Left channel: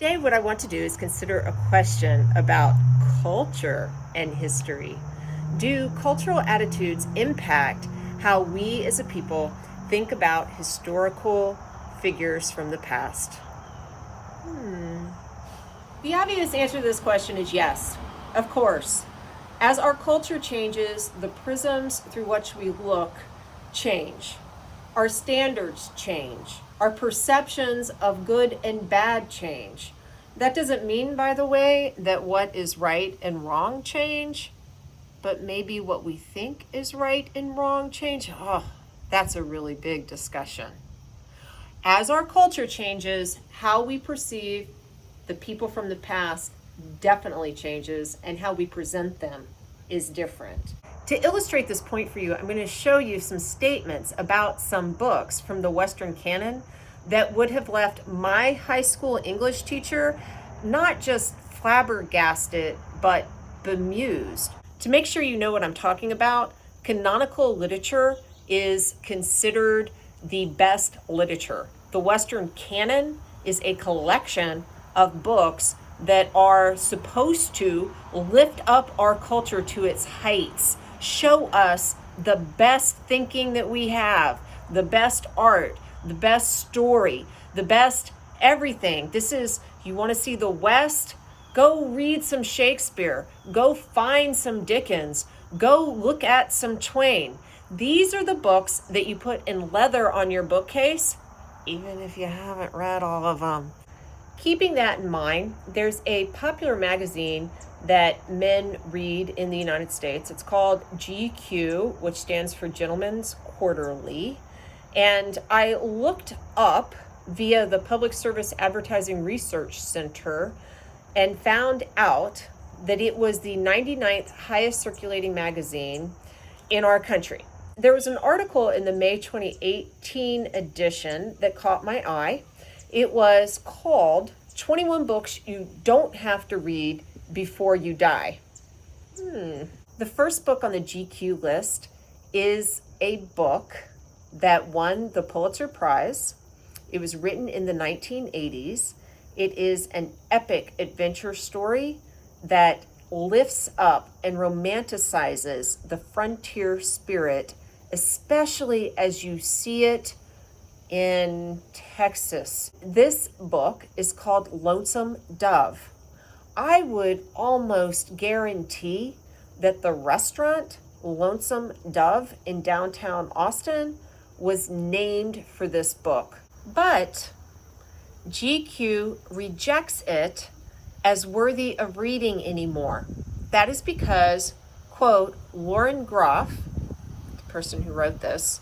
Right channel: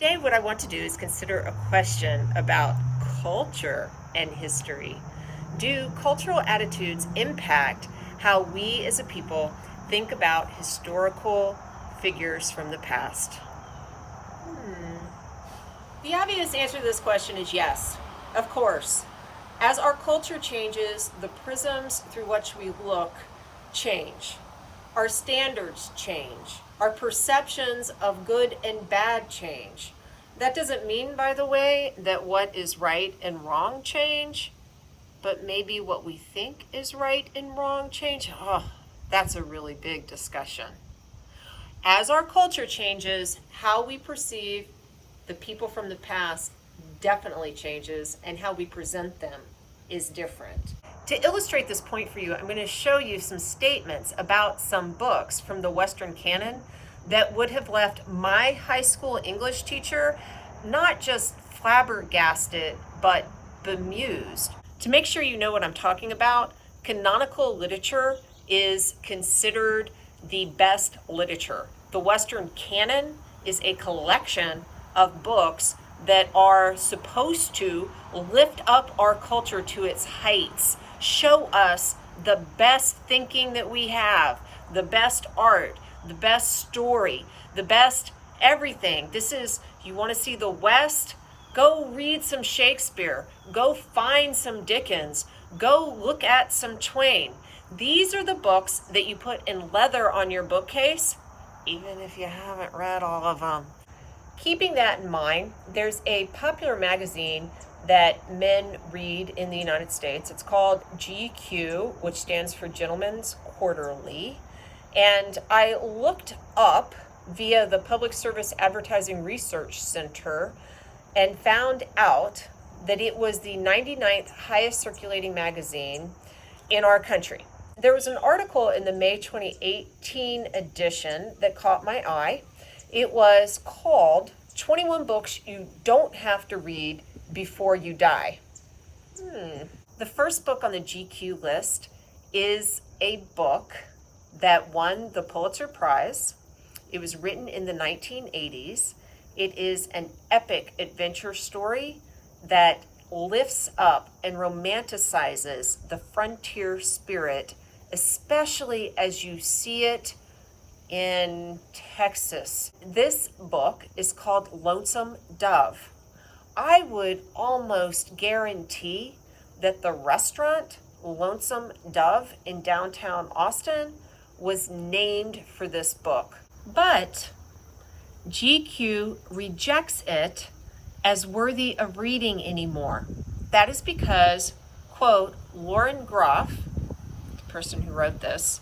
Today, what I want to do is consider a question about culture and history. Do cultural attitudes impact how we as a people think about historical figures from the past? The obvious answer to this question is yes, of course. As our culture changes, the prisms through which we look change. Our standards change. Our perceptions of good and bad change. That doesn't mean, by the way, that what is right and wrong change, but maybe what we think is right and wrong change. Oh, that's a really big discussion. As our culture changes, how we perceive the people from the past definitely changes, and how we present them is different. To illustrate this point for you, I'm going to show you some statements about some books from the Western canon that would have left my high school English teacher not just flabbergasted, but bemused. To make sure you know what I'm talking about, canonical literature is considered the best literature. The Western canon is a collection of books that are supposed to lift up our culture to its heights, show us the best thinking that we have, the best art, the best story, the best everything. This is, you want to see the West? Go read some Shakespeare. Go find some Dickens. Go look at some Twain. These are the books that you put in leather on your bookcase, even if you haven't read all of them. Keeping that in mind, there's a popular magazine that men read in the United States. It's called GQ, which stands for Gentleman's Quarterly. And I looked up via the Public Service Advertising Research Center and found out that it was the 99th highest circulating magazine in our country. There was an article in the May 2018 edition that caught my eye. It was called 21 Books You Don't Have to Read Before You Die. The first book on the GQ list is a book that won the Pulitzer Prize. It was written in the 1980s. It is an epic adventure story that lifts up and romanticizes the frontier spirit, especially as you see it in Texas. This book is called Lonesome Dove. I would almost guarantee that the restaurant Lonesome Dove in downtown Austin was named for this book. But GQ rejects it as worthy of reading anymore. That is because, quote, Lauren Groff, the person who wrote this,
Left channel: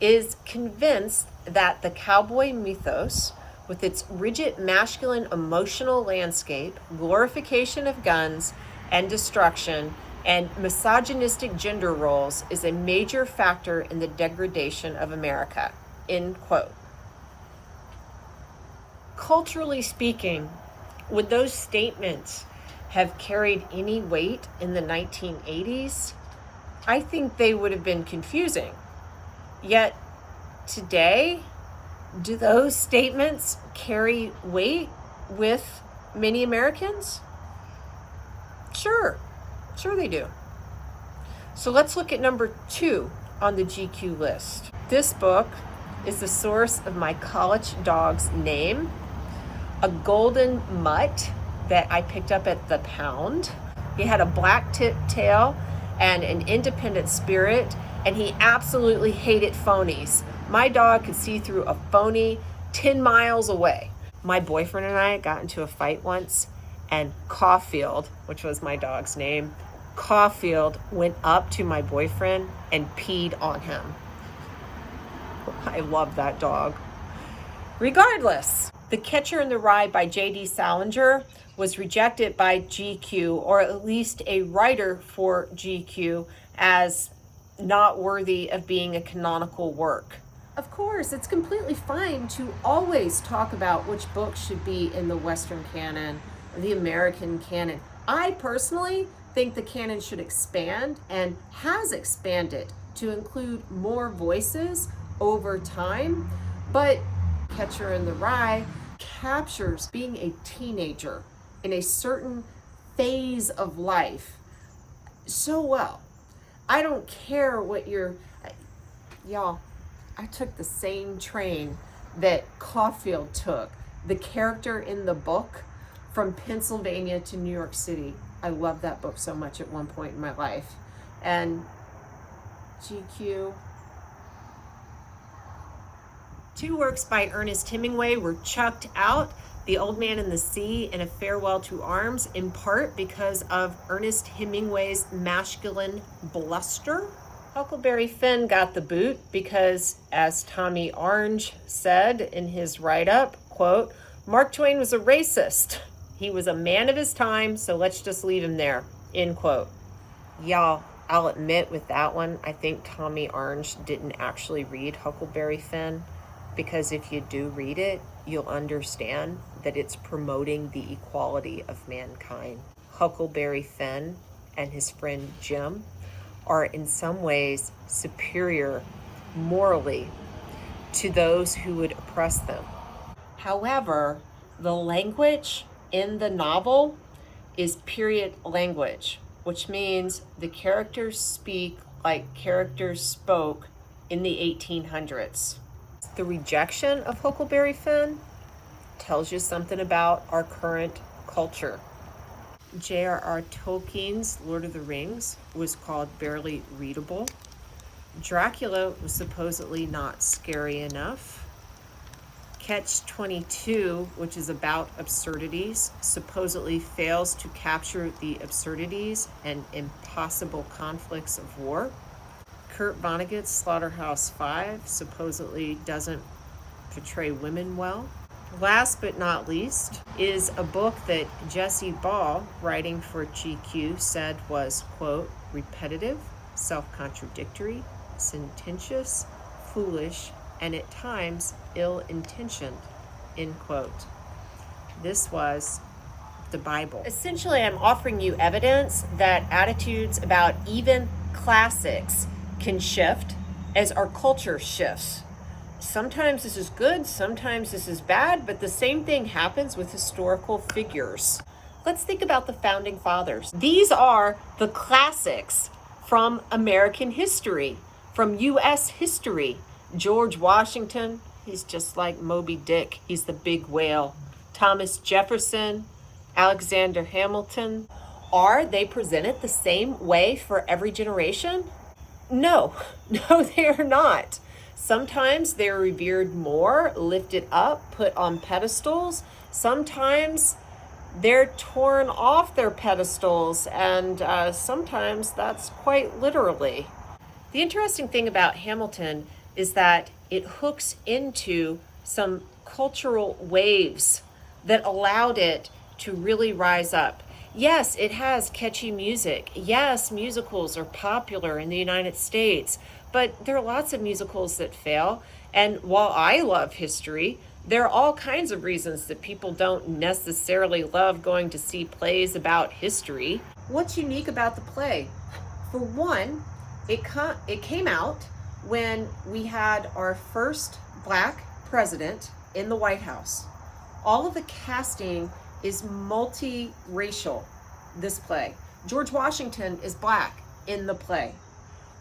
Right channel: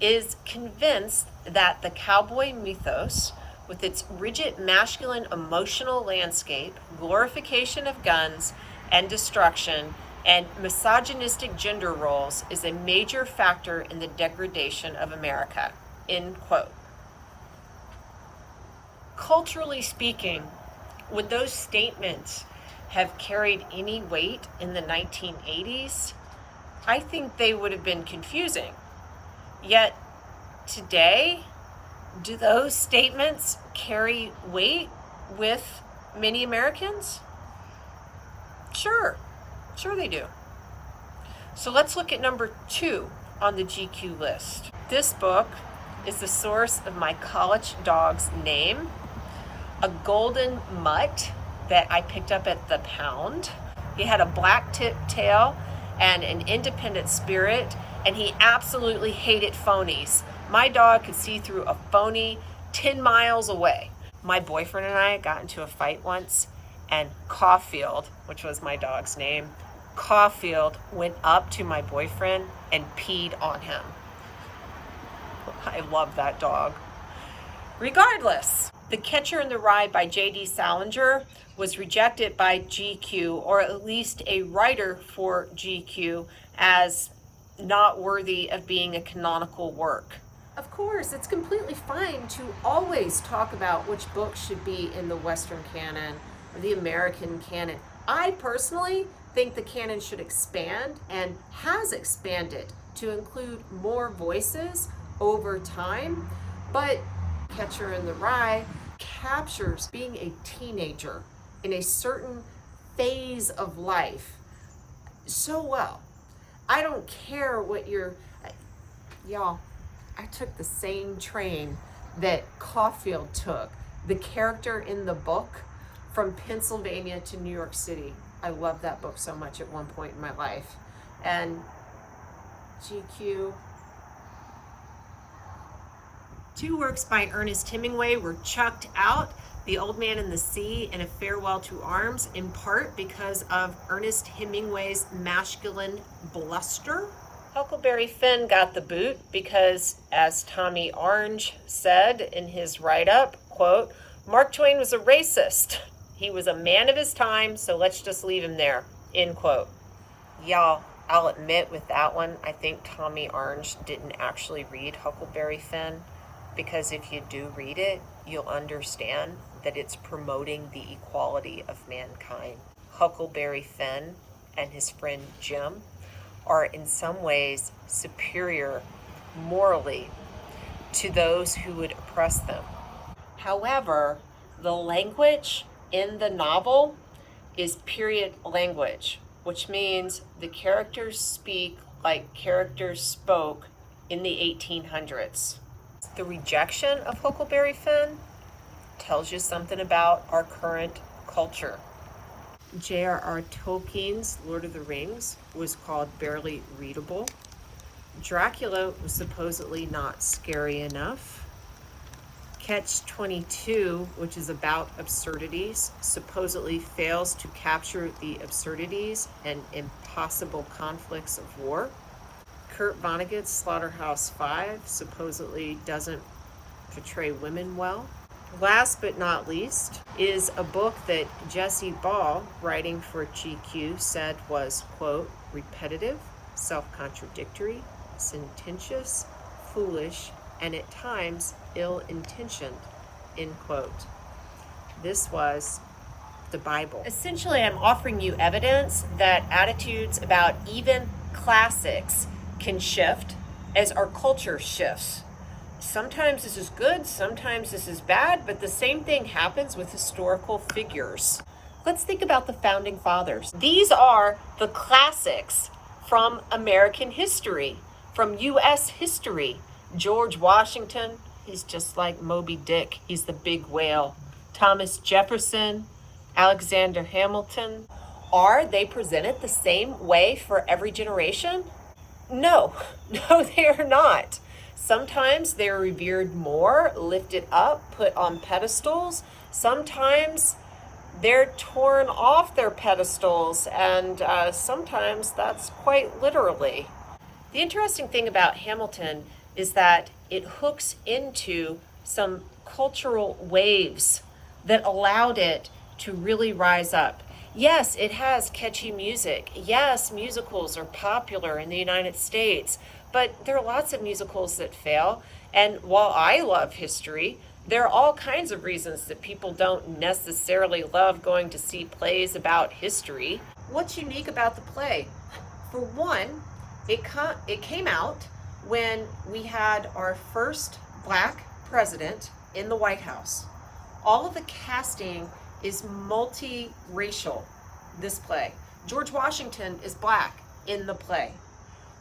is convinced that the cowboy mythos, with its rigid masculine emotional landscape, glorification of guns and destruction, and misogynistic gender roles, is a major factor in the degradation of America, end quote. Culturally speaking, would those statements have carried any weight in the 1980s? I think they would have been confusing. Yet today, do those statements carry weight with many Americans? Sure they do. So let's look at number 2 on the GQ list. This book is the source of my college dog's name, a golden mutt that I picked up at the pound. He had a black tip tail and an independent spirit, and he absolutely hated phonies. My dog could see through a phony 10 miles away. My boyfriend and I got into a fight once, and Caulfield, which was my dog's name, Caulfield went up to my boyfriend and peed on him. I love that dog. Regardless, The Catcher in the Rye by J.D. Salinger was rejected by GQ, or at least a writer for GQ, as not worthy of being a canonical work. Of course, it's completely fine to always talk about which books should be in the Western canon or the American canon. I personally think the canon should expand and has expanded to include more voices over time, but Catcher in the Rye captures being a teenager in a certain phase of life so well. I don't care what y'all, I took the same train that Caulfield took. The character in the book, from Pennsylvania to New York City. I loved that book so much at one point in my life. And GQ. Two works by Ernest Hemingway were chucked out: The Old Man and the Sea and A Farewell to Arms, in part because of Ernest Hemingway's masculine bluster. Huckleberry Finn got the boot because, as Tommy Orange said in his write-up, quote, "Mark Twain was a racist. He was a man of his time, so let's just leave him there," end quote. Y'all, I'll admit with that one, I think Tommy Orange didn't actually read Huckleberry Finn, because if you do read it, you'll understand that it's promoting the equality of mankind. Huckleberry Finn and his friend Jim are in some ways superior morally to those who would oppress them. However, the language in the novel is period language, which means the characters speak like characters spoke in the 1800s. The rejection of Huckleberry Finn tells you something about our current culture. J.R.R. Tolkien's Lord of the Rings was called barely readable. Dracula was supposedly not scary enough. Catch-22, which is about absurdities, supposedly fails to capture the absurdities and impossible conflicts of war. Kurt Vonnegut's Slaughterhouse-Five supposedly doesn't portray women well. Last but not least is a book that Jesse Ball, writing for GQ, said was, quote, repetitive, self-contradictory, sententious, foolish, and at times ill-intentioned, end quote. This was the Bible. Essentially, I'm offering you evidence that attitudes about even classics can shift as our culture shifts. Sometimes this is good, sometimes this is bad, but the same thing happens with historical figures. Let's think about the founding fathers. These are the classics from American history, from U.S. history. George Washington, he's just like Moby Dick, he's the big whale. Thomas Jefferson, Alexander Hamilton. Are they presented the same way for every generation? No, they are not. Sometimes they're revered more, lifted up, put on pedestals. Sometimes they're torn off their pedestals, and sometimes that's quite literally. The interesting thing about Hamilton is that it hooks into some cultural waves that allowed it to really rise up. Yes, it has catchy music. Yes, musicals are popular in the United States, but there are lots of musicals that fail. And while I love history, there are all kinds of reasons that people don't necessarily love going to see plays about history. What's unique about the play? For one, it came out when we had our first Black president in the White House. All of the casting is multiracial, this play. George Washington is Black in the play.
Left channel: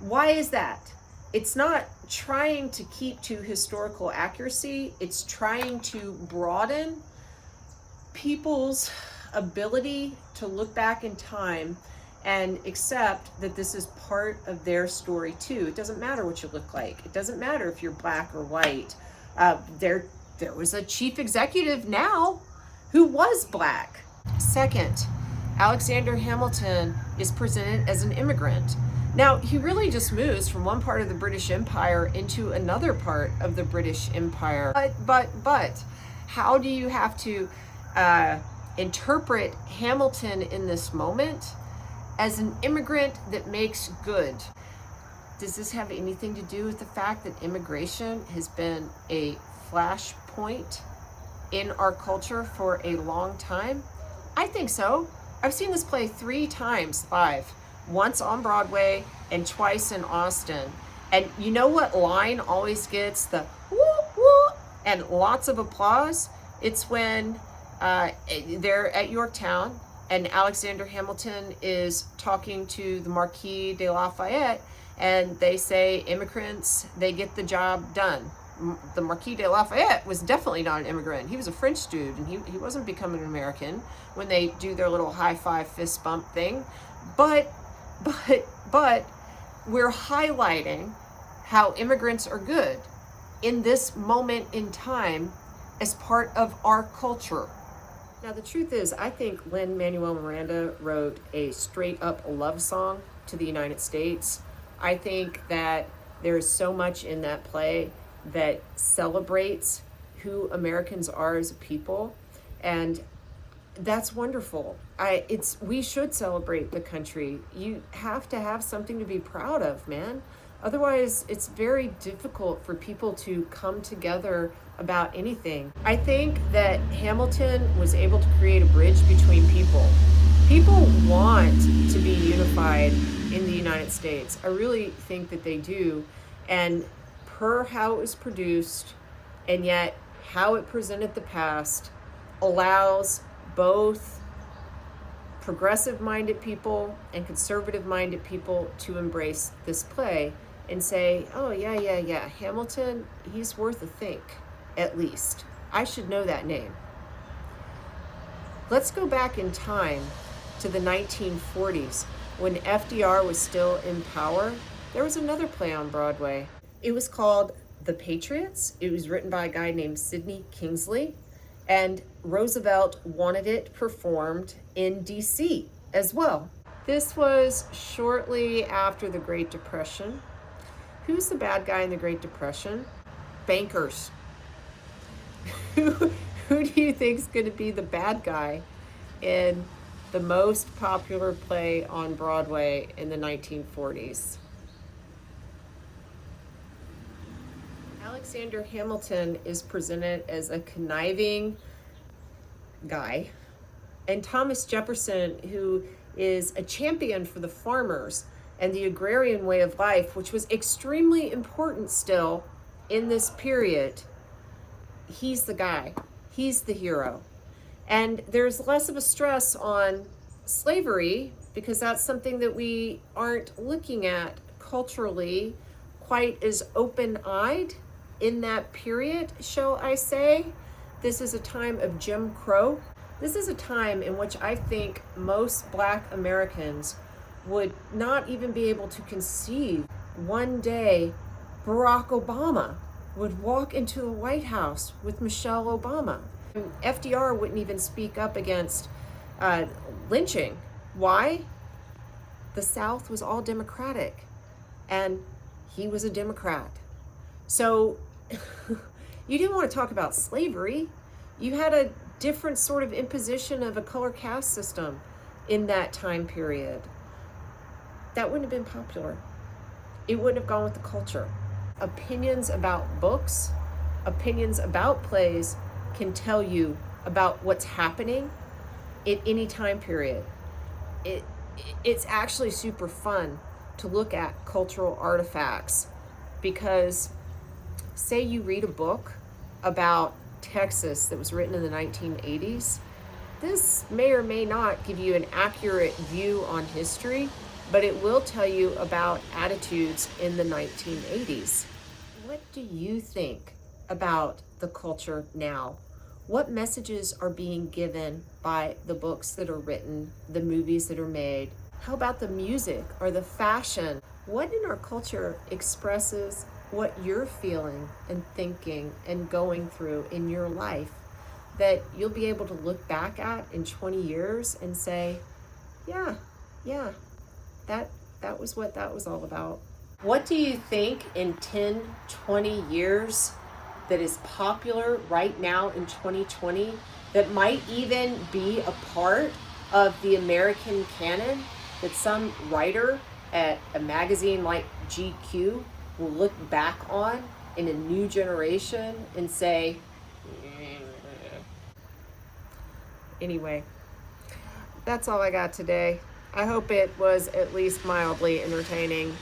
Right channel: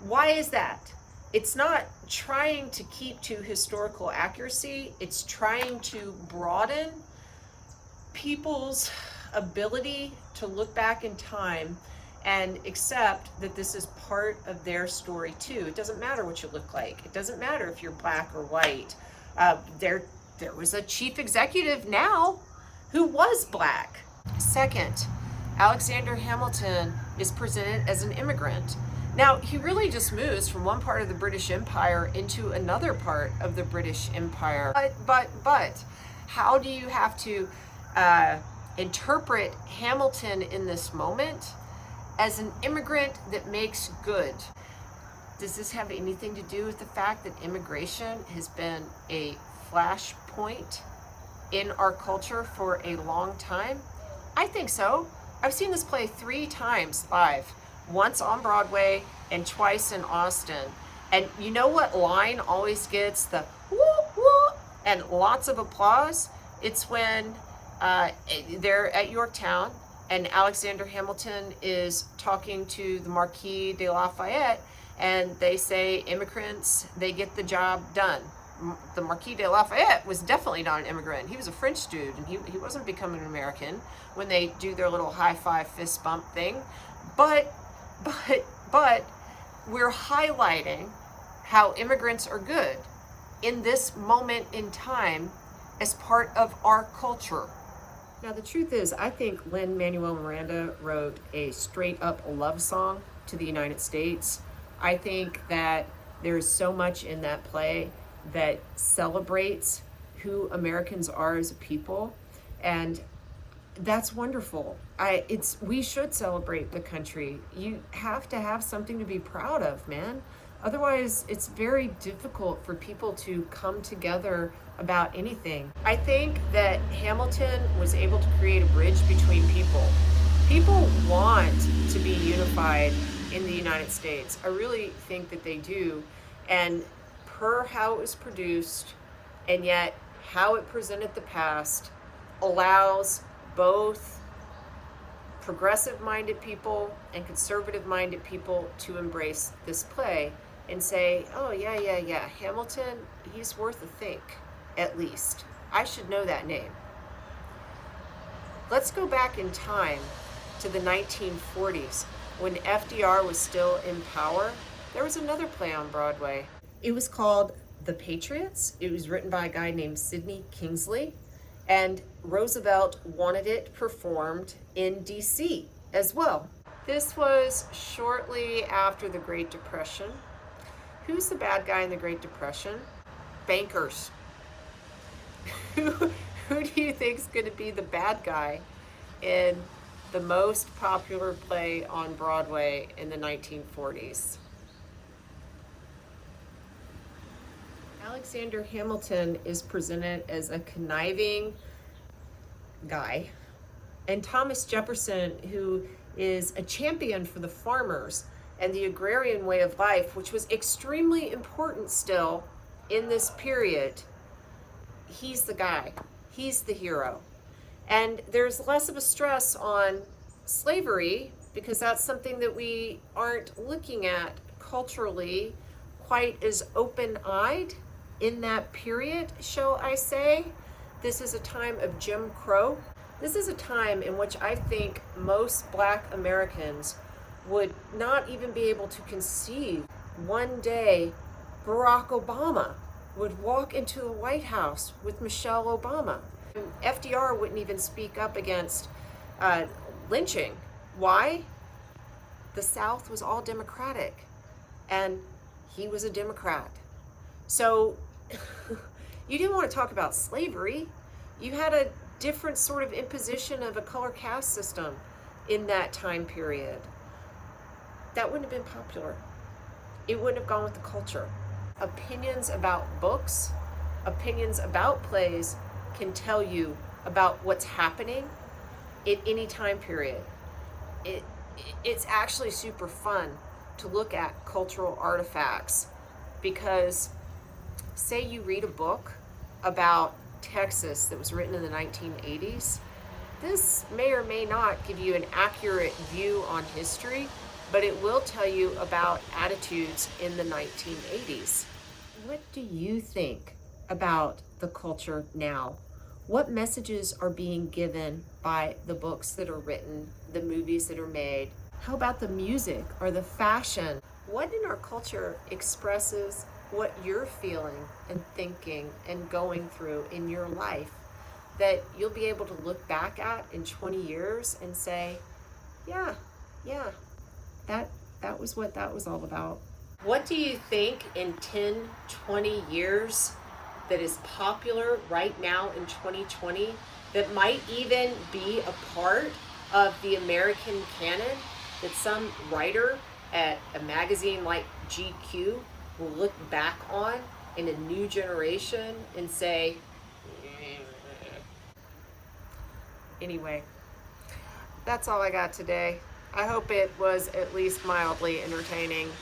Why is that? It's not trying to keep to historical accuracy, it's trying to broaden people's ability to look back in time and accept that this is part of their story too. It doesn't matter what you look like. It doesn't matter if you're Black or white. There was a chief executive now who was Black. Second, Alexander Hamilton is presented as an immigrant. Now, he really just moves from one part of the British Empire into another part of the British Empire. But, how do you have to interpret Hamilton in this moment as an immigrant that makes good? Does this have anything to do with the fact that immigration has been a flashpoint in our culture for a long time? I think so. I've seen this play 3 times live. Once on Broadway and twice in Austin. And you know what line always gets the woo woo and lots of applause? It's when they're at Yorktown and Alexander Hamilton is talking to the Marquis de Lafayette, and they say immigrants, they get the job done. The Marquis de Lafayette was definitely not an immigrant. He was a French dude, and he wasn't becoming an American when they do their little high five fist bump thing. But we're highlighting how immigrants are good in this moment in time as part of our culture. Now, the truth is, I think Lin-Manuel Miranda wrote a straight up love song to the United States. I think that there's so much in that play that celebrates who Americans are as a people, and that's wonderful. We should celebrate the country. You have to have something to be proud of, man. Otherwise, it's very difficult for people to come together about anything. I think that Hamilton was able to create a bridge between people. People want to be unified in the United States. I really think that they do. And per how it was produced, and yet how it presented the past, allows both progressive-minded people and conservative-minded people to embrace this play and say, oh, yeah, Hamilton, he's worth a think, at least. I should know that name. Let's go back in time to the 1940s when FDR was still in power. There was another play on Broadway. It was called The Patriots. It was written by a guy named Sidney Kingsley, and Roosevelt wanted it performed in DC as well. This was shortly after the Great Depression. Who's the bad guy in the Great Depression? Bankers. Who do you think is going to be the bad guy in the most popular play on Broadway in the 1940s? Alexander Hamilton is presented as a conniving guy, and Thomas Jefferson, who is a champion for the farmers and the agrarian way of life, which was extremely important still in this period, he's the guy. He's the hero. And there's less of a stress on slavery because that's something that we aren't looking at culturally quite as open-eyed in that period, shall I say. This is a time of Jim Crow. This is a time in which I think most Black Americans would not even be able to conceive one day Barack Obama would walk into the White House with Michelle Obama. FDR wouldn't even speak up against lynching. Why? The South was all Democratic, and he was a Democrat. So you didn't want to talk about slavery. You had a different sort of imposition of a color caste system in that time period. That wouldn't have been popular. It wouldn't have gone with the culture. Opinions about books, opinions about plays can tell you about what's happening at any time period. It's actually super fun to look at cultural artifacts because say you read a book about Texas that was written in the 1980s, this may or may not give you an accurate view on history, but it will tell you about attitudes in the 1980s. What do you think about the culture now? What messages are being given by the books that are written, the movies that are made? How about the music or the fashion? What in our culture expresses what you're feeling and thinking and going through in your life that you'll be able to look back at in 20 years and say, yeah, that was what that was all about. What do you think in 10, 20 years that is popular right now in 2020 that might even be a part of the American canon that some writer at a magazine like GQ will look back on in a new generation and say, anyway, that's all I got today. I hope it was at least mildly entertaining.